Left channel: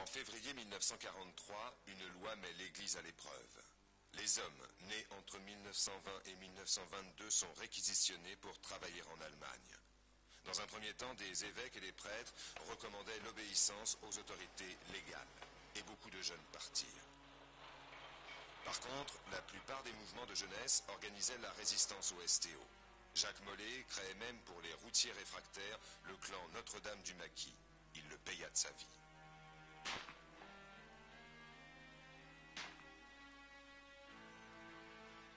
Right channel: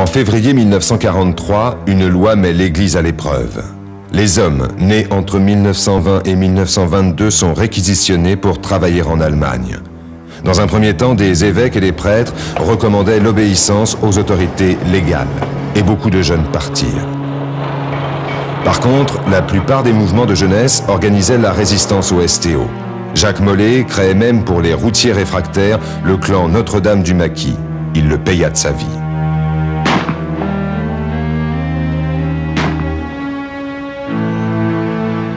En février 1943, une loi met l'Église à l'épreuve. Les hommes nés entre 1920 et 1922 sont réquisitionnés pour travailler en Allemagne. Dans un premier temps, des évêques et des prêtres recommandaient l'obéissance aux autorités légales, et beaucoup de jeunes partirent. Par contre, la plupart des mouvements de jeunesse organisaient la résistance au STO. Jacques Mollet créait même pour les routiers réfractaires le clan Notre-Dame du Maquis. Il le paya de sa vie.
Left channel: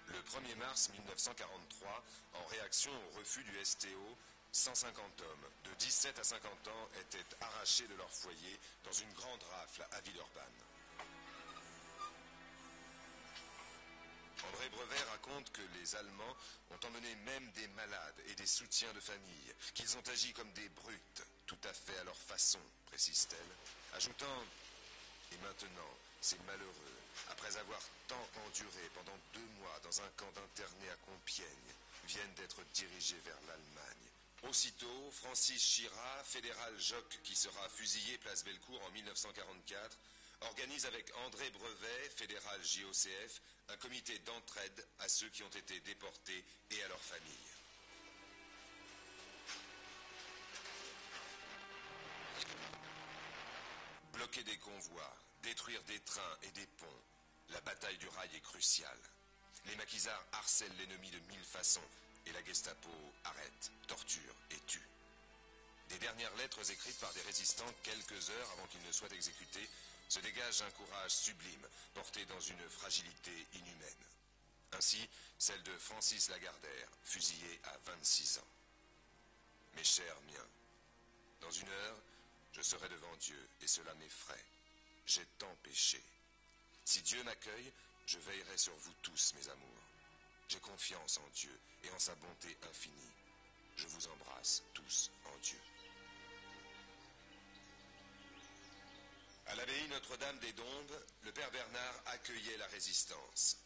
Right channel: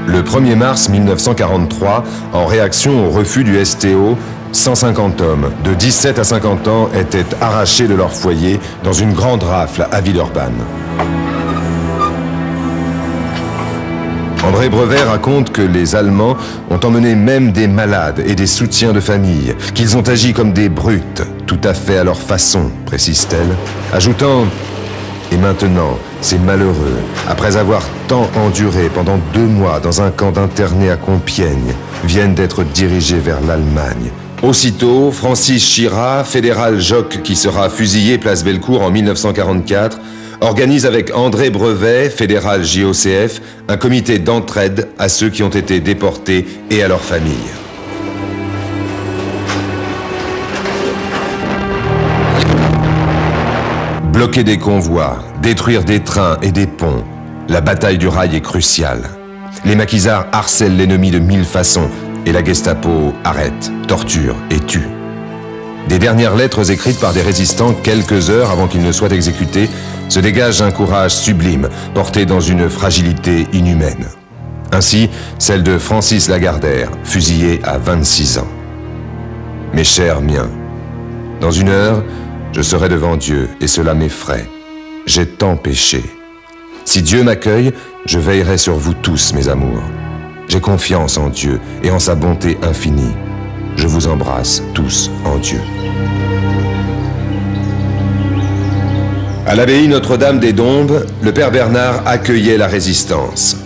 Le 1er mars 1943, en réaction au refus du STO, 150 hommes de 17 à 50 ans étaient arrachés de leur foyer dans une grande rafle à Villeurbanne. André Brevet raconte que les Allemands ont emmené même des malades et des soutiens de famille, qu'ils ont agi comme des brutes, tout à fait à leur façon, précise-t-elle, ajoutant « Et maintenant, ces malheureux, après avoir tant enduré pendant 2 mois dans un camp d'internés à Compiègne, viennent d'être dirigés vers l'Allemagne. » Aussitôt, Francis Chira, fédéral jock qui sera fusillé place Bellecour en 1944, organise avec André Brevet, fédéral JOCF, un comité d'entraide à ceux qui ont été déportés et à leurs familles. Bloquer des convois, détruire des trains et des ponts, la bataille du rail est cruciale. Les maquisards harcèlent l'ennemi de 1000 façons et la Gestapo arrête, torture et tue. Des dernières lettres écrites par des résistants quelques heures avant qu'ils ne soient exécutés se dégage un courage sublime, porté dans une fragilité inhumaine. Ainsi, celle de Francis Lagardère, fusillé à 26 ans. Mes chers miens, dans 1 heure, je serai devant Dieu et cela m'effraie. J'ai tant péché. Si Dieu m'accueille, je veillerai sur vous tous, mes amours. J'ai confiance en Dieu et en sa bonté infinie. Je vous embrasse tous en Dieu. À l'abbaye Notre-Dame des Dombes, le père Bernard accueillait la résistance.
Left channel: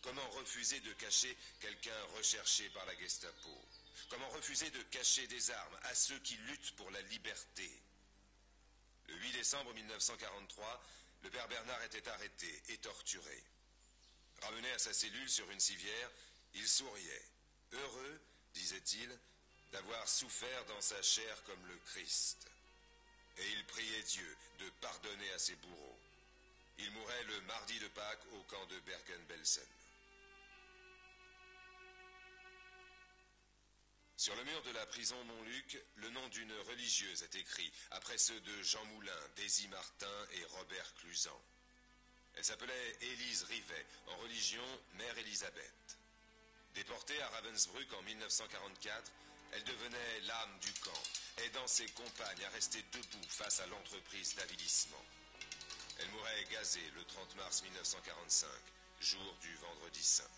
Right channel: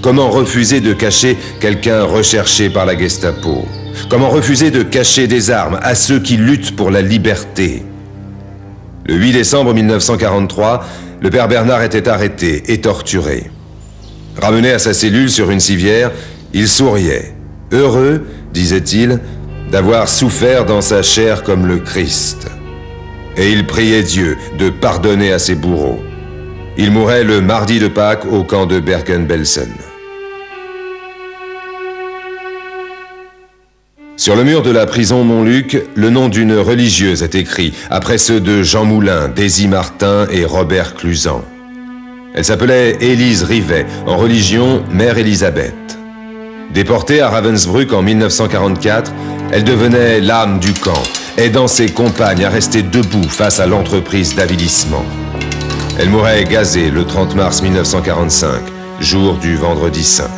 Comment refuser de cacher quelqu'un recherché par la Gestapo? Comment refuser de cacher des armes à ceux qui luttent pour la liberté? Le 8 décembre 1943, le père Bernard était arrêté et torturé. Ramené à sa cellule sur une civière, il souriait, heureux, disait-il, d'avoir souffert dans sa chair comme le Christ. Et il priait Dieu de pardonner à ses bourreaux. Il mourait le mardi de Pâques au camp de Bergen-Belsen. Sur le mur de la prison Montluc, le nom d'une religieuse est écrit, après ceux de Jean Moulin, Daisy Martin et Robert Cluzan. Elle s'appelait Élise Rivet, en religion Mère Élisabeth. Déportée à Ravensbrück en 1944, elle devenait l'âme du camp, aidant ses compagnes à rester debout face à l'entreprise d'avilissement. Elle mourait gazée le 30 mars 1945, jour du Vendredi Saint.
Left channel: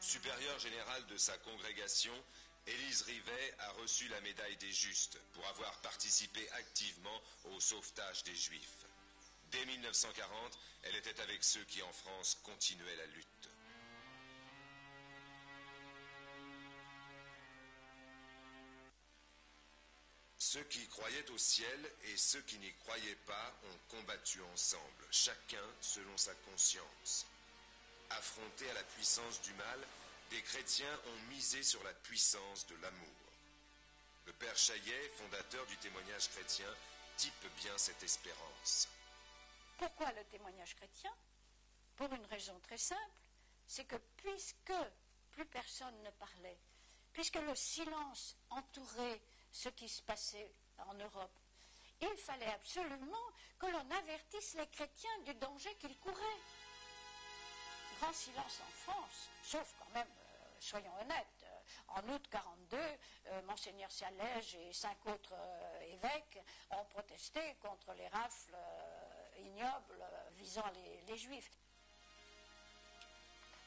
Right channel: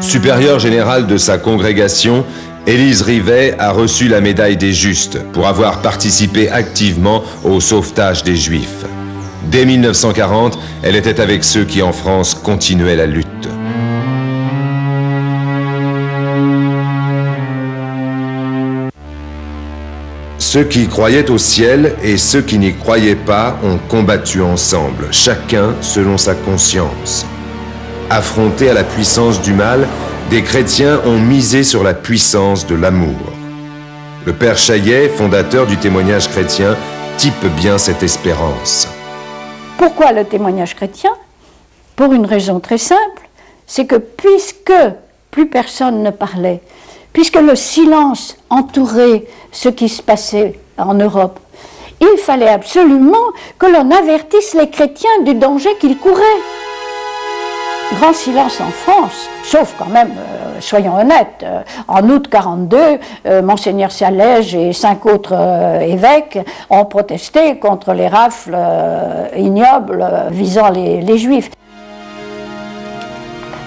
Supérieure générale de sa congrégation, Élise Rivet a reçu la médaille des Justes pour avoir participé activement au sauvetage des Juifs. Dès 1940, elle était avec ceux qui en France continuaient la lutte. Ceux qui croyaient au ciel et ceux qui n'y croyaient pas ont combattu ensemble, chacun selon sa conscience. Affrontés à la puissance du mal, des chrétiens ont misé sur la puissance de l'amour. Le père Chaillet, fondateur du témoignage chrétien, type bien cette espérance. Pourquoi le témoignage chrétien? Pour une raison très simple, c'est que puisque plus personne ne parlait, puisque le silence entourait ce qui se passait en Europe, il fallait absolument que l'on avertisse les chrétiens du danger qu'ils couraient. Grand silence en France, sauf quand même, soyons honnêtes, en août 42, Monseigneur Salège et 5 autres évêques ont protesté contre les rafles ignobles visant les Juifs.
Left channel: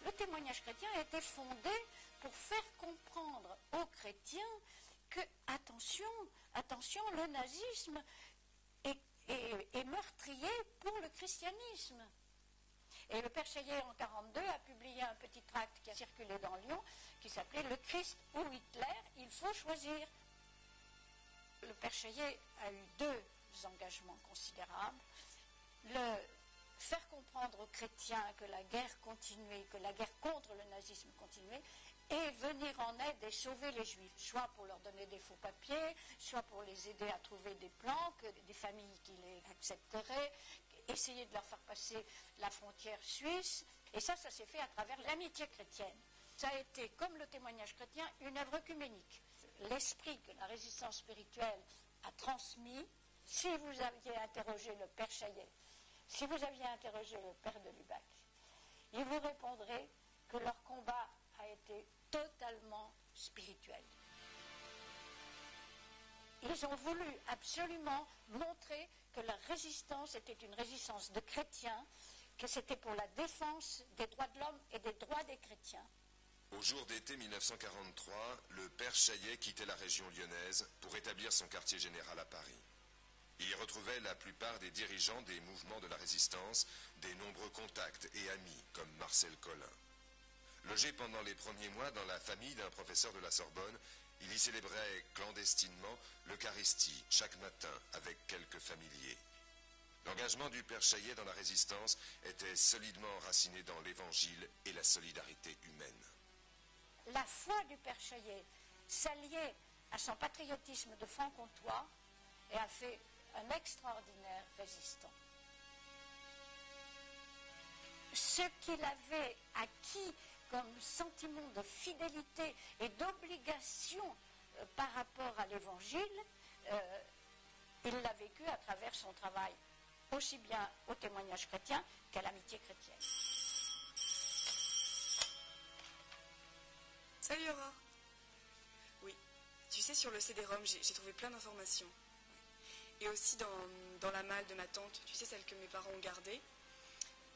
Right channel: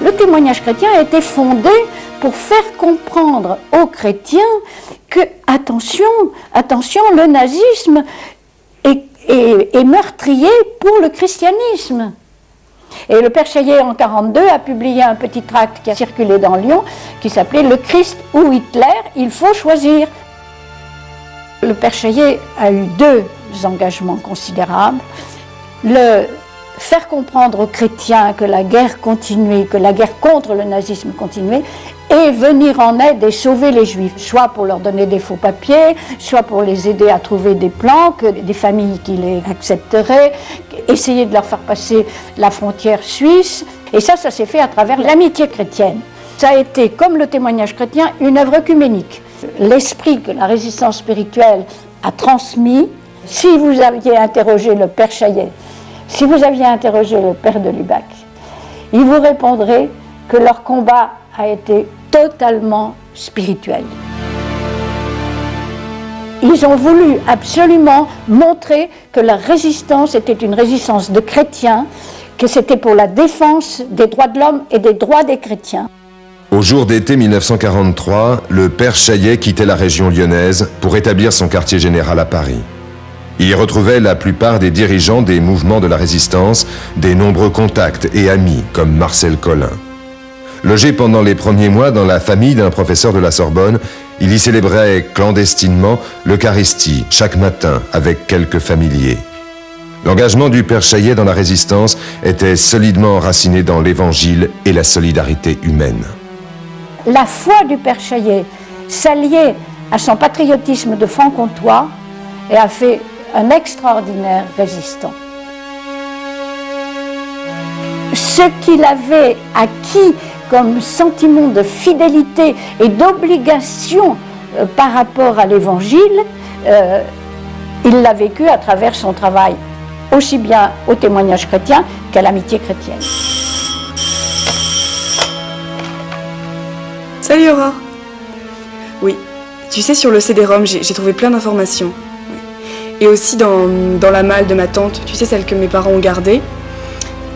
Le témoignage chrétien a été fondé pour faire comprendre aux chrétiens que, attention, le nazisme est meurtrier pour le christianisme. Et le père Chaillet, en 1942, a publié un petit tract qui a circulé dans Lyon, qui s'appelait « Le Christ ou Hitler, il faut choisir ». le père Chaillet a eu deux engagements considérables. Le faire comprendre aux chrétiens que la guerre continuait, que la guerre contre le nazisme continuait, et venir en aide et sauver les Juifs, soit pour leur donner des faux papiers, soit pour les aider à trouver des plans, des familles qui les accepteraient, essayer de leur faire passer la frontière suisse. Et ça s'est fait à travers l'amitié chrétienne. Ça a été, comme le témoignage chrétien, une œuvre œcuménique. L'esprit que la résistance spirituelle a transmis, si vous aviez interrogé le père Chaillet, si vous aviez interrogé le père de Lubac, il vous répondrait que leur combat a été totalement spirituel. Ils ont voulu absolument montrer que la résistance était une résistance de chrétiens, que c'était pour la défense des droits de l'homme et des droits des chrétiens. Au jour d'été 1943, le père Chaillet quittait la région lyonnaise pour établir son quartier général à Paris. Il y retrouvait la plupart des dirigeants des mouvements de la résistance, des nombreux contacts et amis comme Marcel Collin. Logé pendant les premiers mois dans la famille d'un professeur de la Sorbonne, il y célébrait clandestinement l'Eucharistie chaque matin avec quelques familiers. L'engagement du père Chaillet dans la résistance était solidement enraciné dans l'Évangile et la solidarité humaine. La foi du père Chaillet s'alliait à son patriotisme de franc-comtois et a fait un extraordinaire résistant. Ce qu'il avait acquis comme sentiment de fidélité et d'obligation par rapport à l'Évangile, il l'a vécu à travers son travail, aussi bien au témoignage chrétien qu'à l'amitié chrétienne. Salut Aurore. Oui, tu sais, sur le CD-ROM, j'ai trouvé plein d'informations. Et aussi dans la malle de ma tante, tu sais, celle que mes parents ont gardée,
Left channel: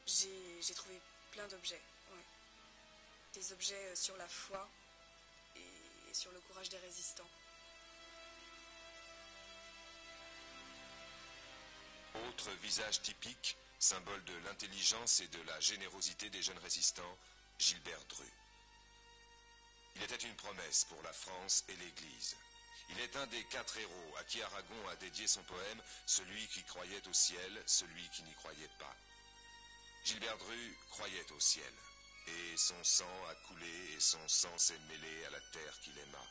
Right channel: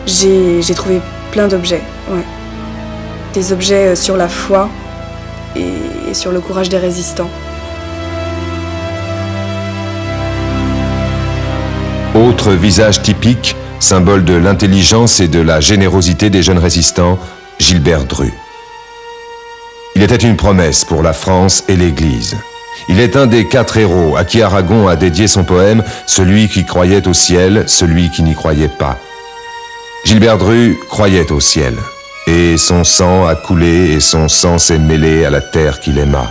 j'ai trouvé plein d'objets. Ouais. Des objets sur la foi et sur le courage des résistants. Autre visage typique, symbole de l'intelligence et de la générosité des jeunes résistants, Gilbert Dru. Il était une promesse pour la France et l'Église. Il est un des 4 héros à qui Aragon a dédié son poème « Celui qui croyait au ciel, celui qui n'y croyait pas ». Gilbert Dru croyait au ciel, et son sang a coulé et son sang s'est mêlé à la terre qu'il aima.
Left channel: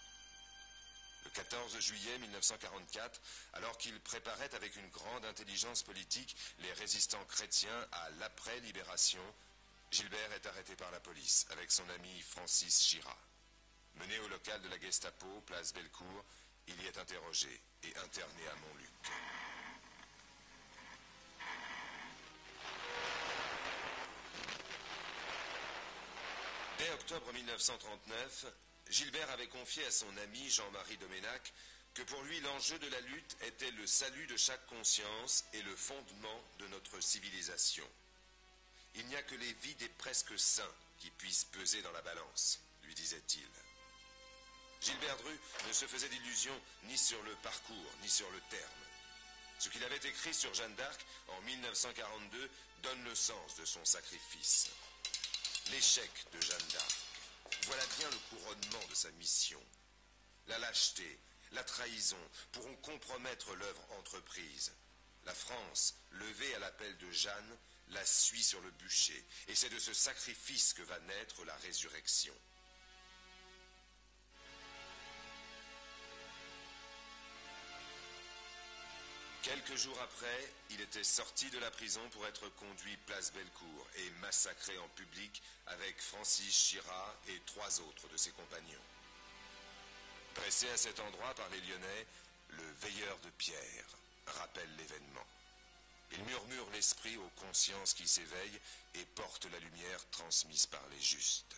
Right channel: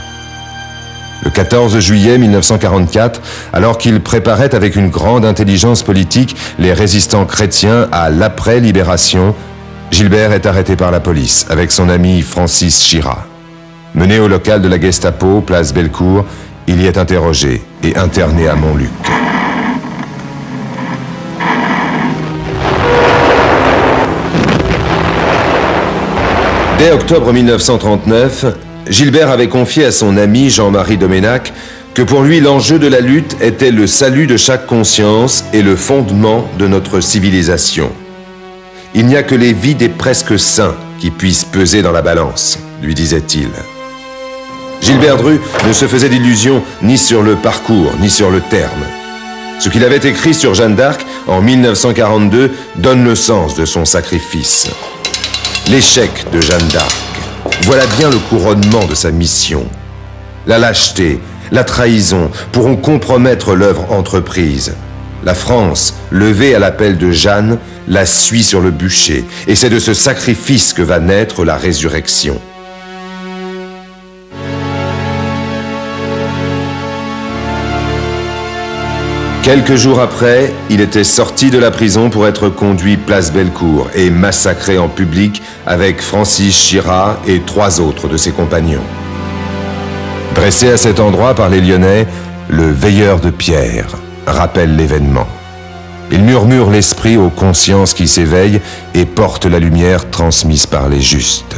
Le 14 juillet 1944, alors qu'il préparait avec une grande intelligence politique les résistants chrétiens à l'après-libération, Gilbert est arrêté par la police avec son ami Francis Chira. Mené au local de la Gestapo, place Bellecour, il y est interrogé et interné à Montluc. Dès octobre 1939, Gilbert avait confié à son ami Jean-Marie Doménac que pour lui l'enjeu de la lutte était le salut de chaque conscience et le fondement de notre civilisation. Il n'y a que les vies des presque saints qui puissent peser dans la balance, lui disait-il. Gilbert Dru ne se faisait d'illusions ni sur le parcours, ni sur le terme. Ce qu'il avait écrit sur Jeanne d'Arc en 1942 donne le sens de son sacrifice. L'échec de Jeanne d'Arc, voilà bien le couronnement de sa mission. La lâcheté, la trahison pourront compromettre l'œuvre entreprise. La France, levée à l'appel de Jeanne, la suit sur le bûcher, et c'est de ce sacrifice que va naître la résurrection. Quelques jours après, il était sorti de la prison pour être conduit place Bellecour et massacré en public avec Francis Chira et 3 autres de ses compagnons. Dressé à cet endroit par les Lyonnais, le veilleur de pierre rappelle l'événement. Il murmure l'esprit aux consciences qui s'éveillent et porte la lumière transmise par les justes.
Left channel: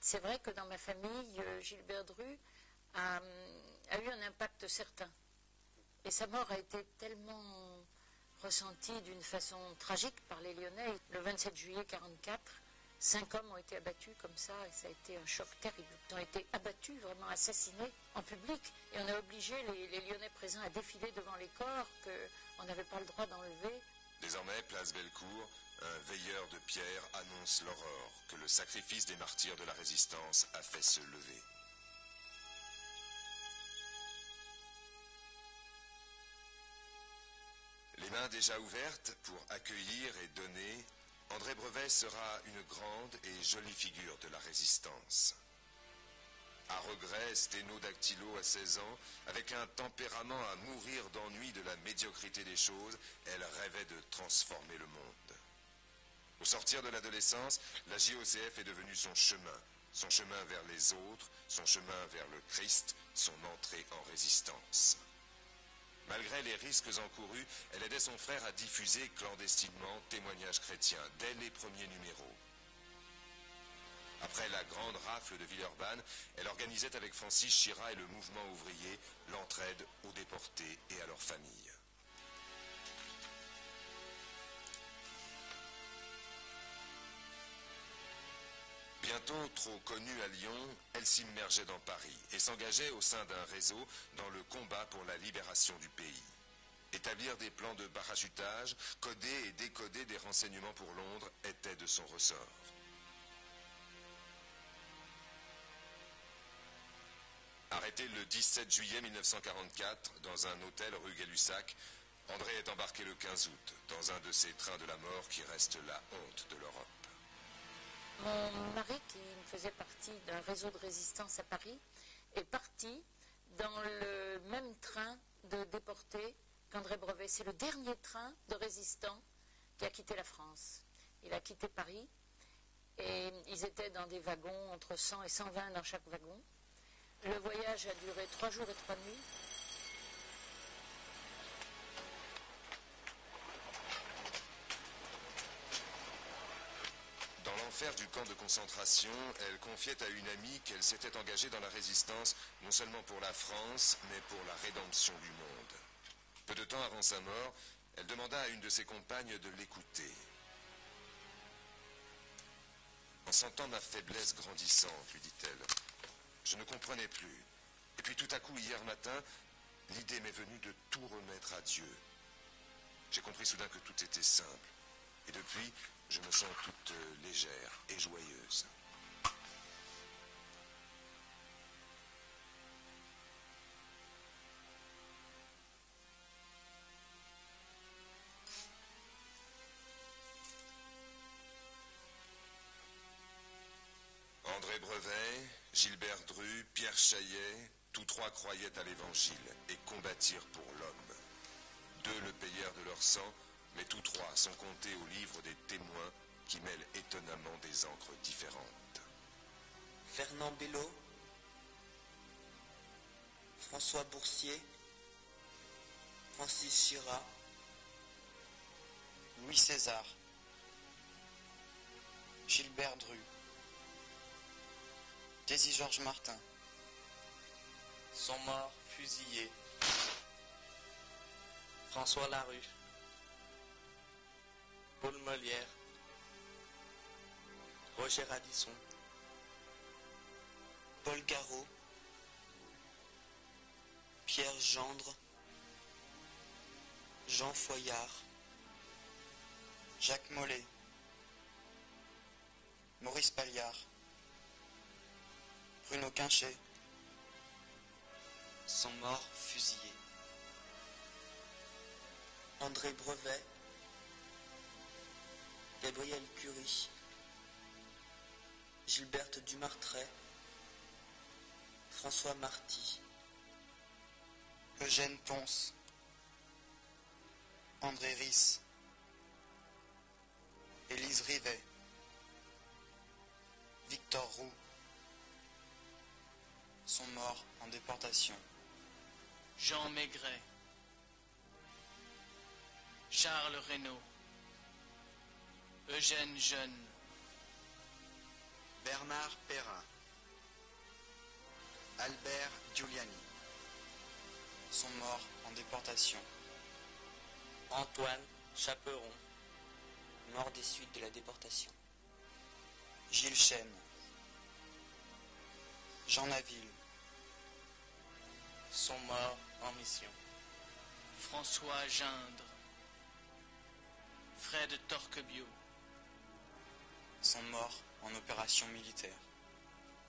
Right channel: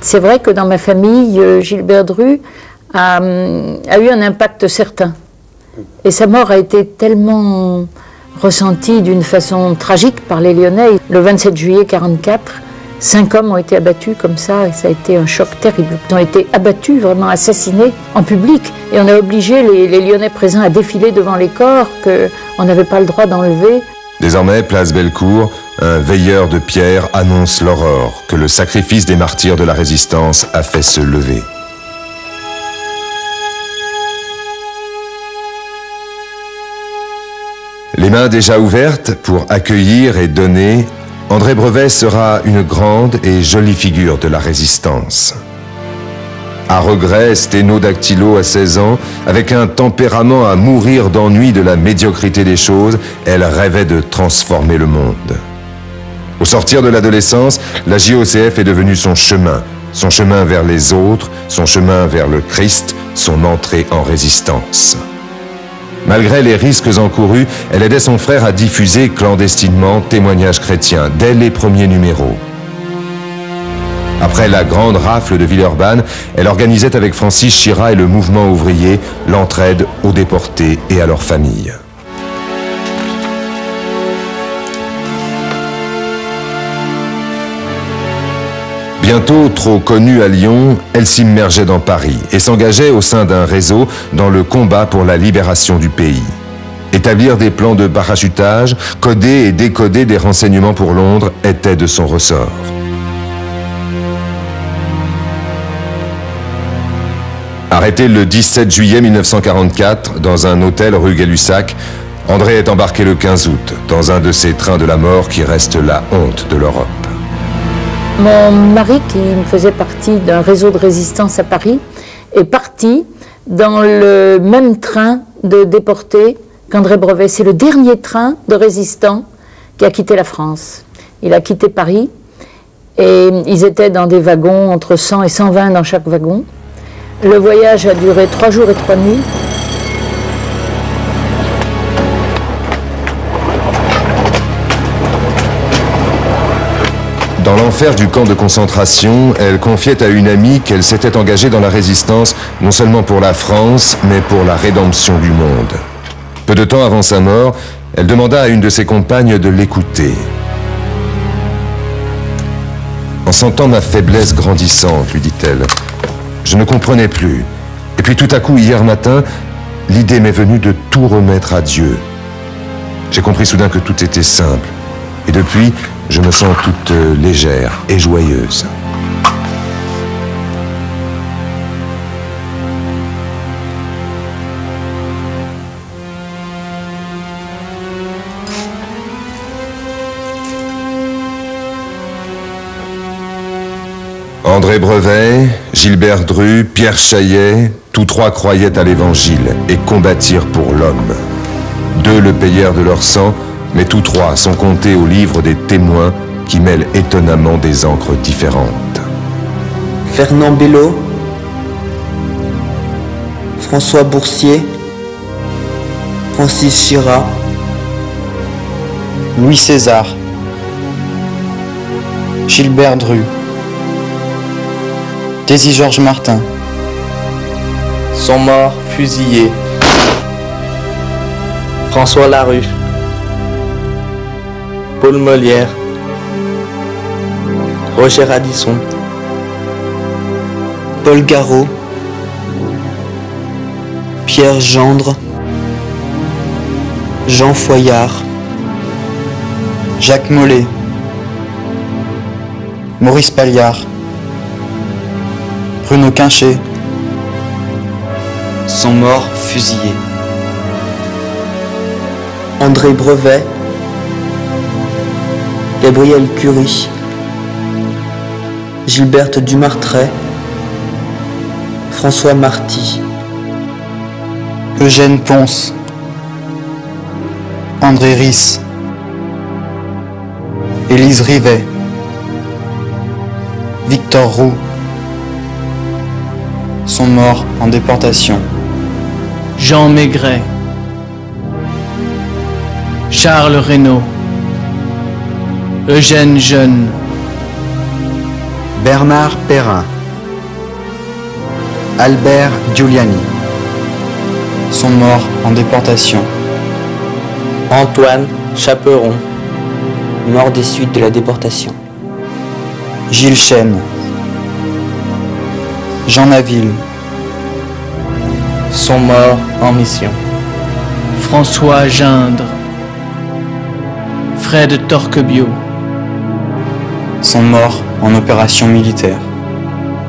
C'est vrai que dans ma famille, Gilbert Dru a eu un impact certain. Et sa mort a été tellement ressentie d'une façon tragique par les Lyonnais. Le 27 juillet 1944, 5 hommes ont été abattus comme ça, et ça a été un choc terrible. Ils ont été abattus, vraiment assassinés en public. Et on a obligé les Lyonnais présents à défiler devant les corps qu'on n'avait pas le droit d'enlever. Désormais, place Bellecour, un veilleur de pierre annonce l'aurore que le sacrifice des martyrs de la résistance a fait se lever. Les mains déjà ouvertes pour accueillir et donner, André Brevet sera une grande et jolie figure de la résistance. À regret, sténodactylo à 16 ans, avec un tempérament à mourir d'ennui de la médiocrité des choses, elle rêvait de transformer le monde. Au sortir de l'adolescence, la JOCF est devenue son chemin vers les autres, son chemin vers le Christ, son entrée en résistance. Malgré les risques encourus, elle aidait son frère à diffuser clandestinement témoignages chrétiens dès les premiers numéros. Après la grande rafle de Villeurbanne, elle organisait avec Francis Chira et le mouvement ouvrier l'entraide aux déportés et à leurs familles. Bientôt trop connue à Lyon, elle s'immergeait dans Paris et s'engageait au sein d'un réseau dans le combat pour la libération du pays. Établir des plans de parachutage, coder et décoder des renseignements pour Londres était de son ressort. Arrêté le 17 juillet 1944 dans un hôtel rue Gay-Lussac, André est embarqué le 15 août dans un de ces trains de la mort qui reste la honte de l'Europe. Mon mari, qui faisait partie d'un réseau de résistance à Paris, est parti dans le même train de déportés qu'André Brevet. C'est le dernier train de résistants qui a quitté la France. Il a quitté Paris et ils étaient dans des wagons entre 100 et 120 dans chaque wagon. Le voyage a duré 3 jours et 3 nuits. Dans l'enfer du camp de concentration, elle confiait à une amie qu'elle s'était engagée dans la résistance, non seulement pour la France, mais pour la rédemption du monde. Peu de temps avant sa mort, elle demanda à une de ses compagnes de l'écouter. En sentant ma faiblesse grandissante, lui dit-elle, je ne comprenais plus. Et puis tout à coup, hier matin, l'idée m'est venue de tout remettre à Dieu. J'ai compris soudain que tout était simple. Et depuis, je me sens toute légère et joyeuse. André Brevet, Gilbert Dru, Pierre Chaillet, tous trois croyaient à l'Évangile et combattirent pour l'homme. 2 le payèrent de leur sang, mais tous 3 sont comptés au livre des témoins qui mêlent étonnamment des encres différentes. Fernand Bello, François Boursier, Francis Chira, Louis César, Gilbert Dru, Daisy Georges Martin, sont morts fusillés. François Larue, Paul Molière, Roger Radisson, Paul Garot, Pierre Gendre, Jean Foyard, Jacques Mollet, Maurice Palliard, Bruno Quinchet, sont morts fusillés. André Brevet, Gabriel Curie, Gilberte Dumartret, François Marty, Eugène Ponce, André Ris, Élise Rivet, Victor Roux sont morts en déportation. Jean Maigret, Charles Reynaud, Eugène Jeune, Bernard Perrin, Albert Giuliani sont morts en déportation. Antoine Chaperon, mort des suites de la déportation. Gilles Chêne, Jean Naville sont morts en mission. François Gindre, Fred Torquebiot sont morts en opération militaire.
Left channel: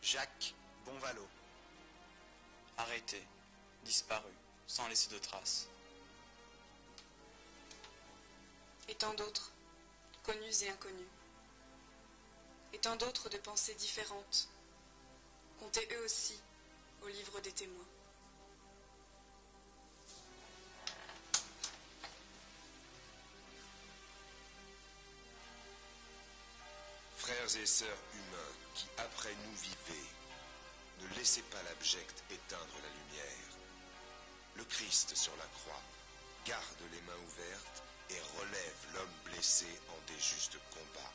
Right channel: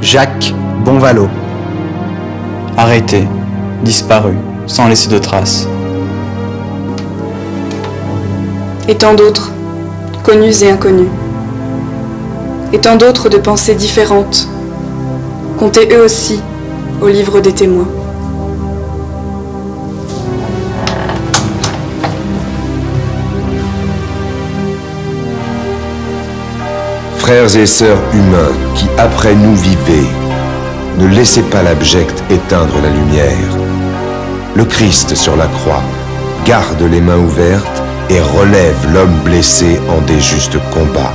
Jacques Bonvalot, arrêté, disparu, sans laisser de traces. Et tant d'autres, connus et inconnus. Et tant d'autres de pensées différentes, comptés eux aussi au livre des témoins. Frères et sœurs humains qui après nous vivez, ne laissez pas l'abject éteindre la lumière. Le Christ sur la croix garde les mains ouvertes et relève l'homme blessé en des justes combats.